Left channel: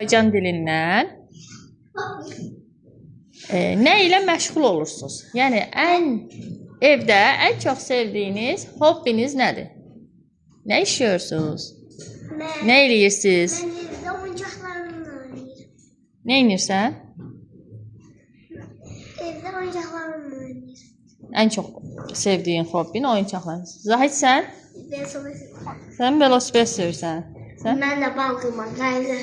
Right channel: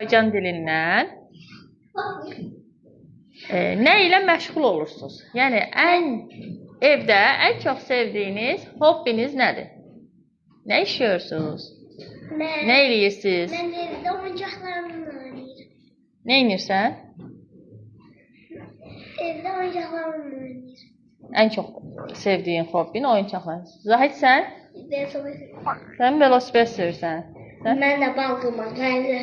Azərbaycan dilindən nə ilə məşğul olursunuz? Yəni evdə ən çox sevdiyiniz hobbiniz nədir? Nə işləyirsiniz? Nə eləyirsiniz? Mən evdə oyuncaqlarımla oynayıram. Nə edirsən? Evdə oyuncaqlarımla oynayıram. Ən çox sevdiyin hobbin oyuncaqlar. Zahid sən? Sən velosiped sürürsən. Mən də bal qırmaq, qayğı.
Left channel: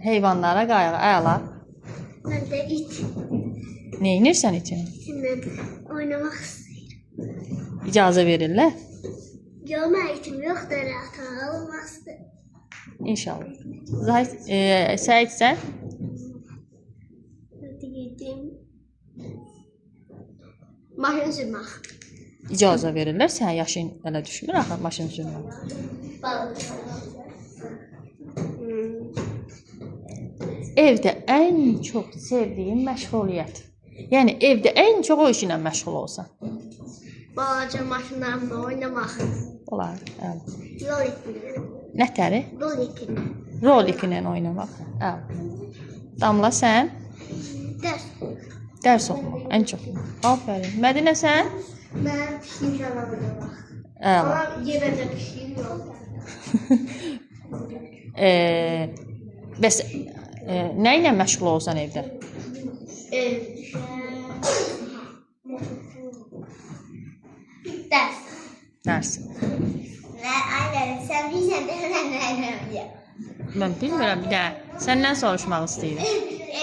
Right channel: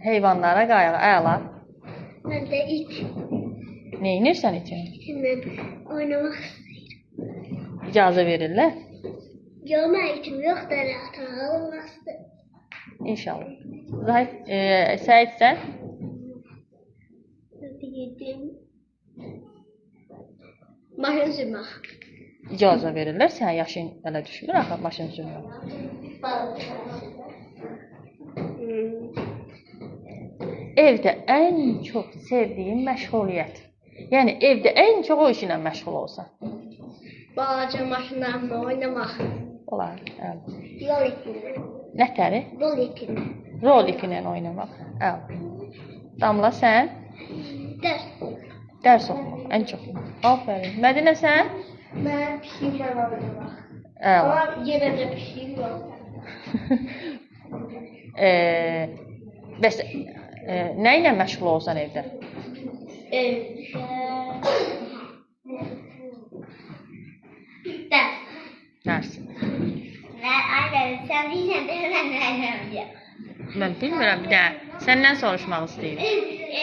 Heyvanlara qayğı, əla. Mən də it. Nə edirsən için? İtimlə oynamaq istəyirəm. İcazə verirlər? Yox, mən itim yoxdur, ata olmazdı. İnşallah. Zahid, Səid sən? Dedim. Maşın sürmək. İcazə verirlər, sən yaşın elə düşmür axı maşın sürmək. Evdə ən çox sevdiyin məşğuliyyət. Yəni evdə ən çox o işlə məşğul olsan. Balaca maşınlarımla oynamaq. Olar. Yol ipinlə. Nətəri? Yol ipinlə. Rolik ilə oynamaq. Damla sən? Dərs. Dərs oxu. Ən çox. Afərin. Mədinə sən? Mən pişiklə oynamaq. Əla. Amma yenə də pişik yoxdur. Bəs nə ilə məşğul olsan evdə? Dərs. Dərs. Aynen, sən bilirsən də mən nə edirəm. Mən bilmirəm, bir də səndən soruşmaq istəyirəm.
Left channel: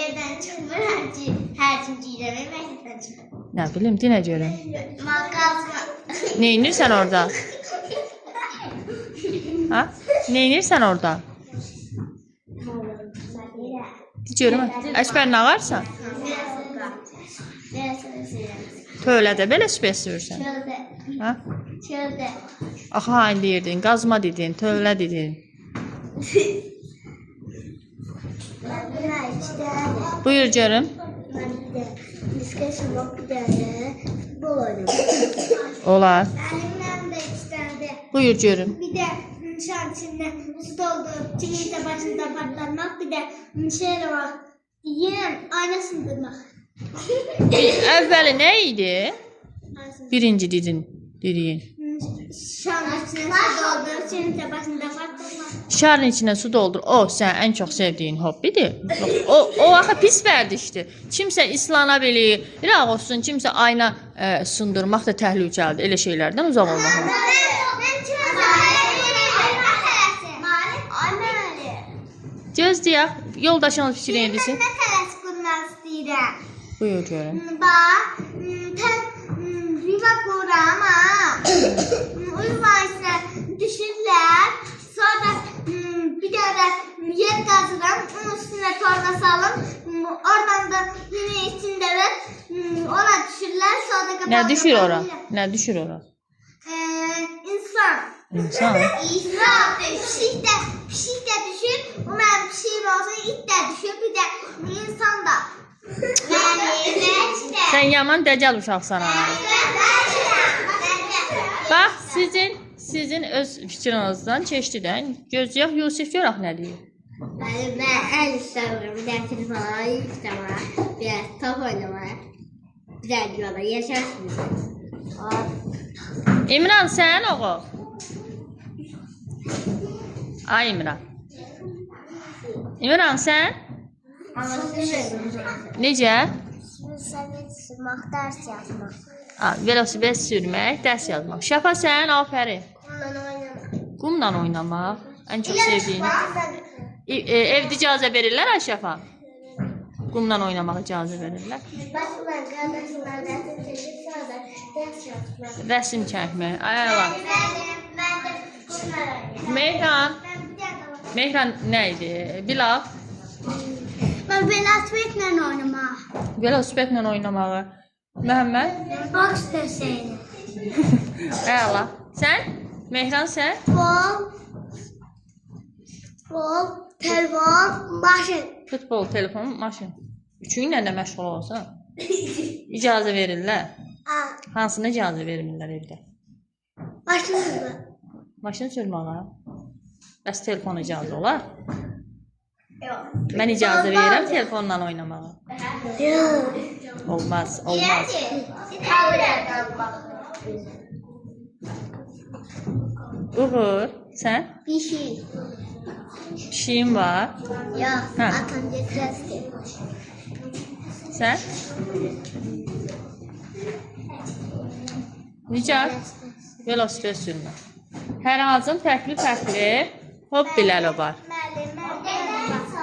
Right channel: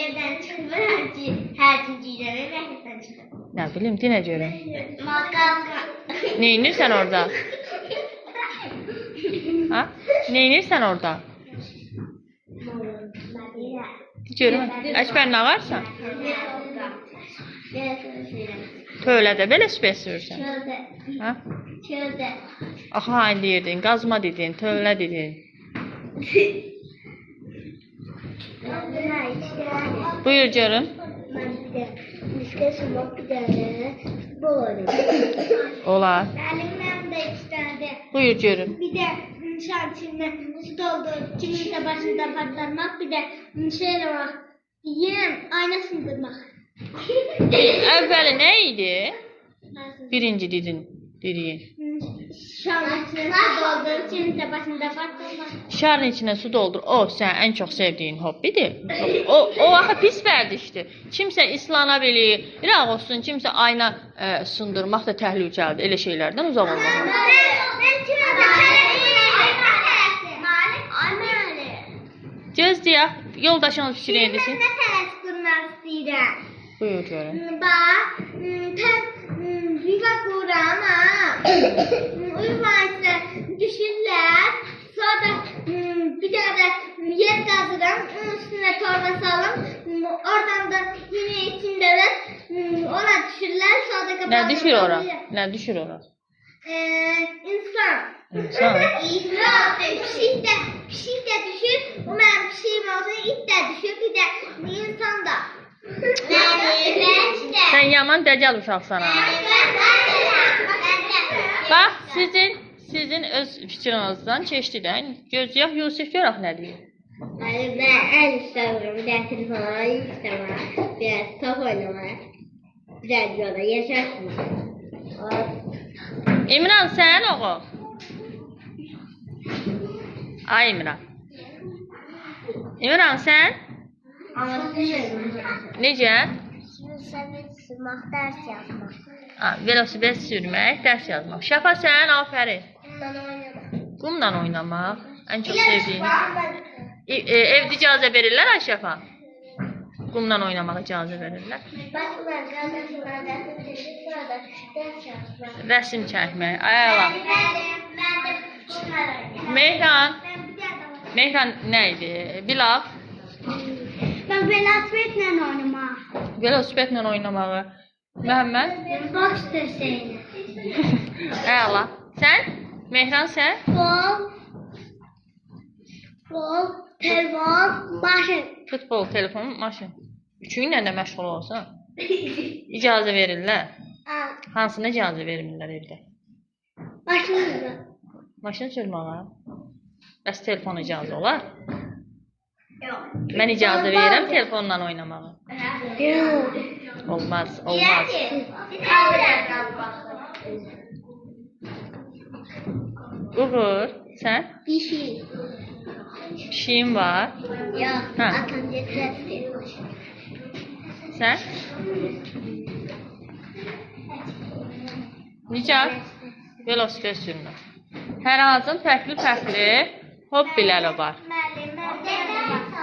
Evdən çıxmıram ki, hər gün giyirəm, məktəbdən çıxıram. Nə bilim, dinə görəm. Mağazma. Nə edirsən orada? Ha? Nə edirsən orada? Görüm. Əşbər nə varsa? Tövlədə velosiped sürürsən. Ha? Çöldə. Axı hain deyirdin, qazma dedin, tövlə dedin. Buyur görüm. Mən bir də diskəsin yox, bir də futbol oynadım. Olar. Mənim də istədi. Buyur görüm. Bir də şan içində su doldurup kiminsə başında partlamaq, bir də şey eləmək. Yem ayna sındırmaq. Əvvəli nə idi? Birinci dediyin. Şan içində su doldurup kiminsə başında partlamaq. Şarın içine su doldur. O sən ən çox sevdiyin hobbidir. O axı pis vərdişdir. Kimsə islana bilir. Bilaq olsun, kimsə ayna sundurmaq da təhlükəlidir. Elə şeylərdən uzaq olmaq. Göz deyək, yoldaşımız fikrin edirsin. Mən nə tələs qurmaq istəyirəm. Buyur görüm. Bax, yuva quram, yuva isə düşürlər. Sonra bir dənə yer qazıram, onun üstünə torba salım. Oradan da yine içində də ona düşürlər. Sonra Nə düşür ora? Nə düşür ora? İnsan. İnsan. Pişik də düşür. O mənim pişiyim olsa it də düşür. Bir də insan da. Sən yaman dəcəl uşaqsan. Bax, sizin öz fikrinizdən keçdi də. Gözləyək Yusif görək nə deyir. Mən ən istəmirəm. Bir də telefona yükləmək. Bir də top oynamaq. Bir də yola yaşasın. İmran sən oğul. Ay İmran. İmran sən? Necə? Velosiped sürmək, dərs yazmaq. Velosiped sürmək, dərs yazmaq. Şəfa sən, afərin. Bundan oynamaq. Qumla oynamaq, ən çox sevdiyin. Evdə icazə verirlər ay Şəfa? Qumla oynamaq icazə verirlər. Baxma, qardaşlar, dərs çəkib, sonra da dərs yazmaq. Rəsm çəkmək, ay Allah. Mehran. Mehran nə idi? Bilal. Mən velosipedlə oynamaq. Velosipedlə oynamağı. Məhəmməd. Boks dərsəylə. Ay Allah. Sən? Mehran sən? Futbol, telefon, maşın. Futbol, telefon, maşın. Üçü ilə də məşğul olsan. İcazə verirlər. Hansına icazə vermirlər evdə? Maşınla. Maşın sürməyə. Bəs telefon icazə olar? Mən icazə verirəm telefonla oynamağa. Yok. Olmaz, olmaz. Uğur, sən? Bir şey. Pişiyin var. Yok. Ha. Atam getiresti. Sən? Nicat, velosiped sürmə. Hər hansının fərqli hobbiləri var.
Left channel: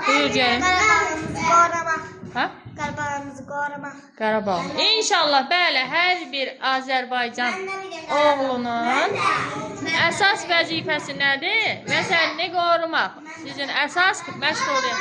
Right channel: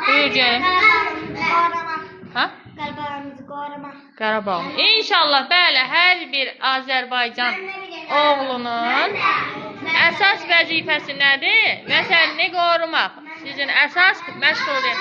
Buyur gəlin. Qarabağımızı qorumaq. Ha? Qarabağımızı qorumaq. Qarabağ. İnşallah bəli, hər bir Azərbaycan oğlunun əsas vəzifəsi nədir? Vətənini qorumaq. Sizin əsas məşğuliyyət.